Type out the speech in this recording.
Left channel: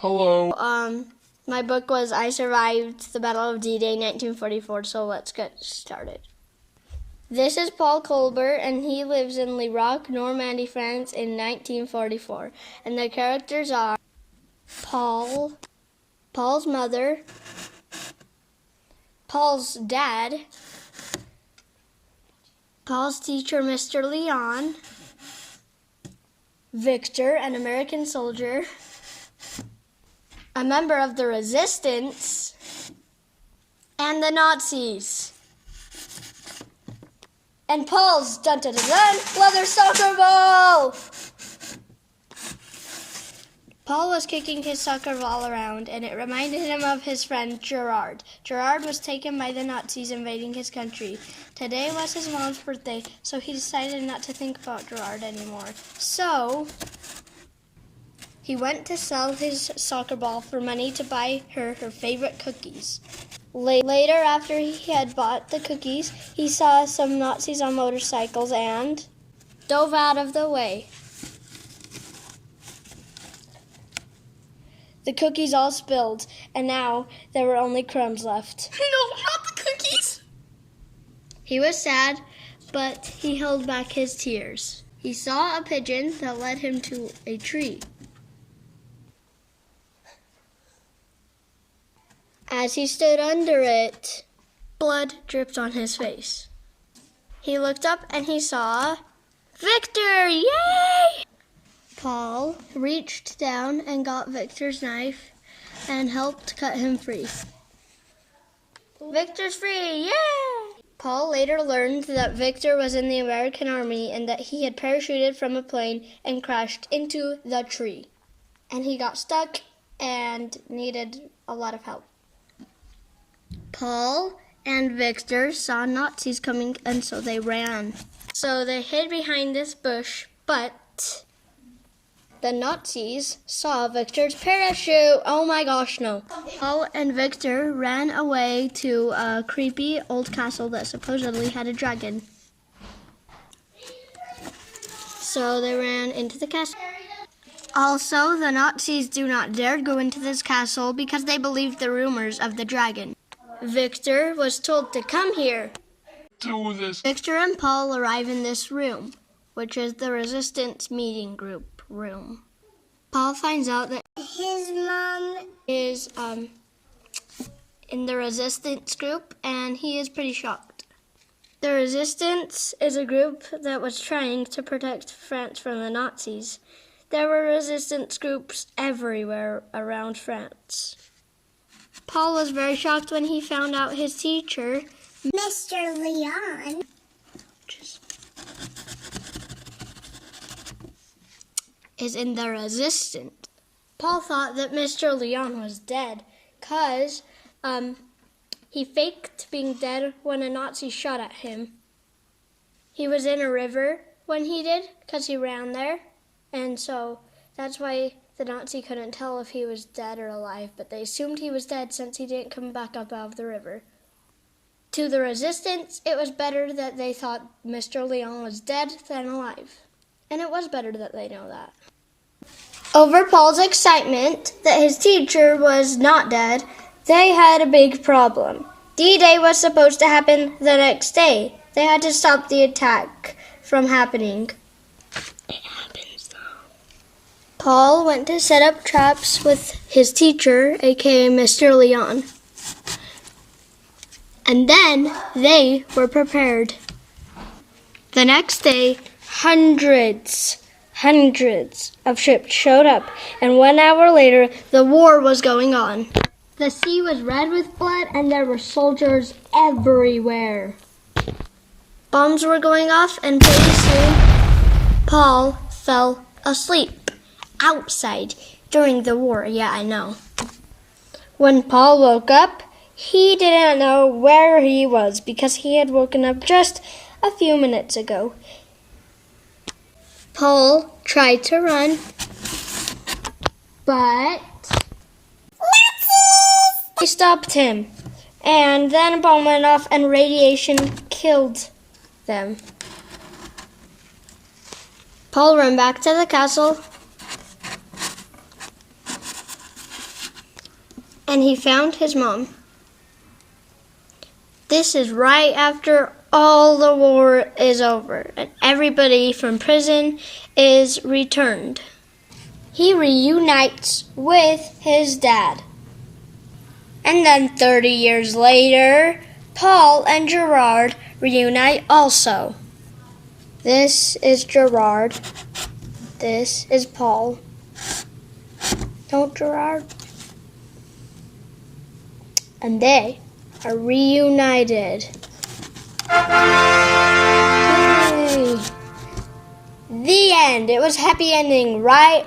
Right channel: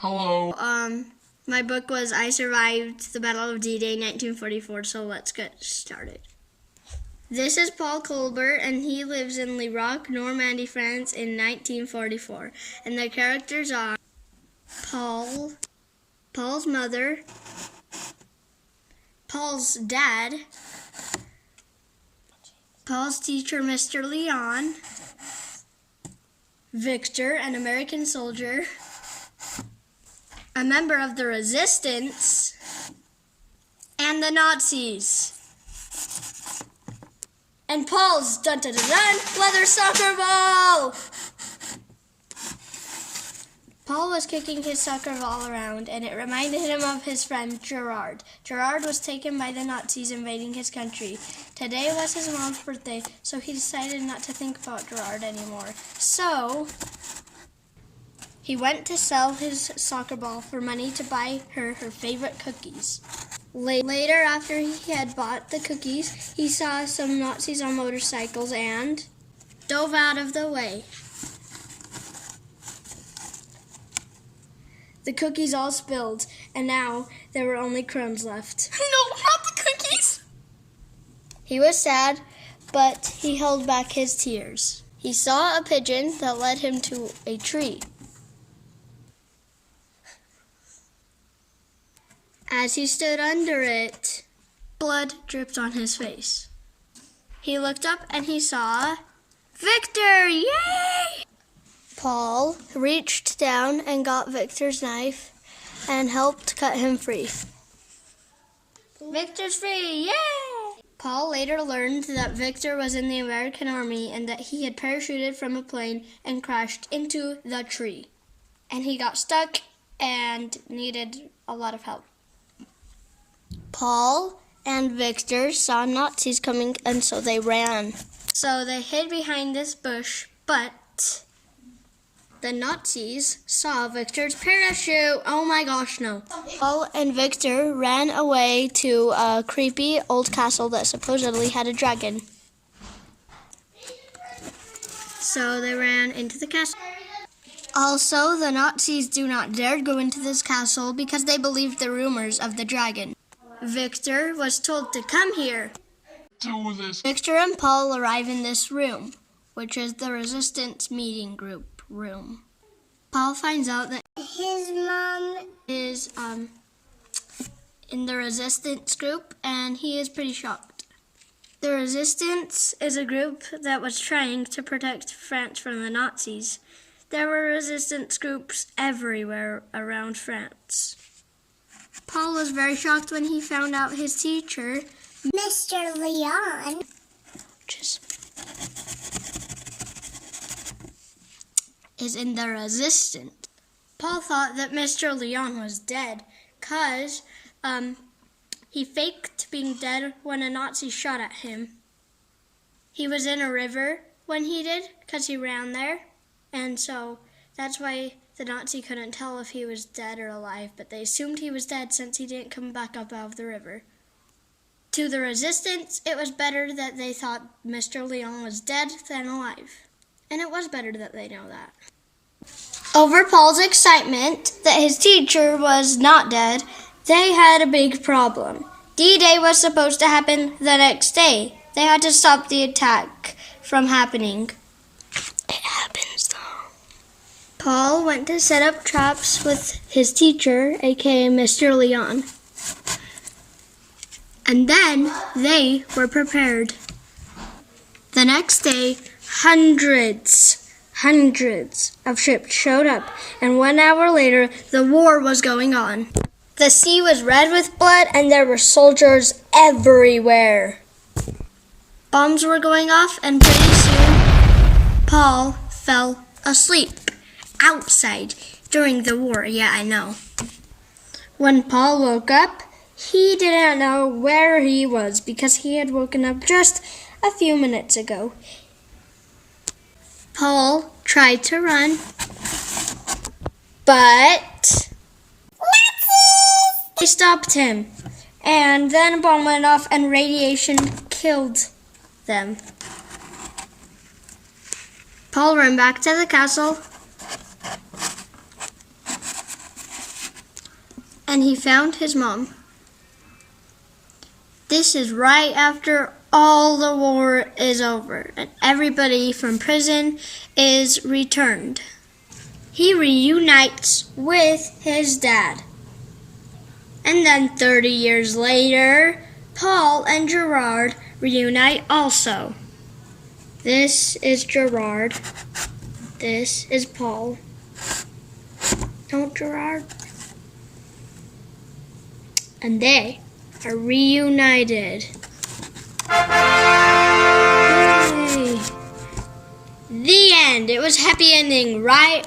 Hello. My book was I Survived the Battle of D-Day 1944, so let's get started. This is Paul Colbert, and he lives in Lirac, Normandy, France in 1944. And the characters are Paul, Paul's mother, Paul's dad, Paul's teacher, Mr. Leon, Victor, an American soldier, a member of the Resistance, and the Nazis. And Paul's dun-dun-dun-dun leather soccer ball! Paul was kicking his soccer ball around, and it reminded him of his friend Gerard. Gerard was taken by the Nazis invading his country. Today was his mom's birthday, so he decided not to think about Gerard anymore. So he went to sell his soccer ball for money to buy her favorite cookies. Later, after he had bought the cookies, he saw some Nazis on motorcycles and dove out of the way. The cookies all spilled, and now there were only crumbs left. No, not the cookies! He was sad, but he held back his tears. He saw a pigeon that led him to a tree. As he stood under it, blood dripped on his face. He looked up and he saw Victor! Yay! Paul reached down and got Victor's knife and helped cut him free. Victor's free! Yay! Paul later learned that Victor was in the American Army and that he had parachuted from a plane and crashed into the tree. And he got stuck and needed a lot of help. Paul and Victor saw Nazis coming, and so they ran. So they hid behind this bush, but the Nazis saw Victor's parachute. Oh my gosh, no. Paul and Victor ran away to a creepy old castle that supposedly had a dragon. So they ran into the castle. Also, the Nazis do not dare go into this castle because they believe the rumors of the dragon. Victor was told to come here. Do this. Victor and Paul arrive in this room, which is the Resistance meeting group room. Paul finds out that his mom is in the Resistance group, and he is pretty shocked. The Resistance is a group that was trying to protect France from the Nazis. There were resistance groups everywhere around France. Paul was very shocked when he found out his teacher, Mr. Leon, is in the Resistance. Paul thought that Mr. Leon was dead because he faked being dead when a Nazi shot at him. He was in a river when he did because he ran there, and so that's why the Nazi couldn't tell if he was dead or alive, but they assumed he was dead since he didn't come back up out of the river. To the Resistance, it was better that they thought Mr. Leon was dead than alive. And it was better that they know that. Over Paul's excitement that his teacher was not dead, they had a big problem. D-Day was supposed to happen the next day. They had to stop the attack from happening. Paul went to set up traps with his teacher, aka Mr. Leon. And then they were prepared. The next day, hundreds of ships showed up, and 1 hour later, the war was going on. The sea was red with blood, and there were soldiers everywhere. Bombs were going off, and pretty soon, Paul fell asleep. Outside during the war, yeah, I know. When Paul woke up, he didn't know where he was because he had woken up just a few minutes ago. Paul tried to run, but they stopped him. And then a bomb went off and radiation killed them. Paul ran back to the castle and he found his mom. This is right after all the war is over and everybody from prison is returned. He reunites with his dad. And then 30 years later, Paul and Gerard reunite also. This is Gerard. This is Paul. Don't Gerard? And they are reunited. Yay. The end. It was happy ending, right?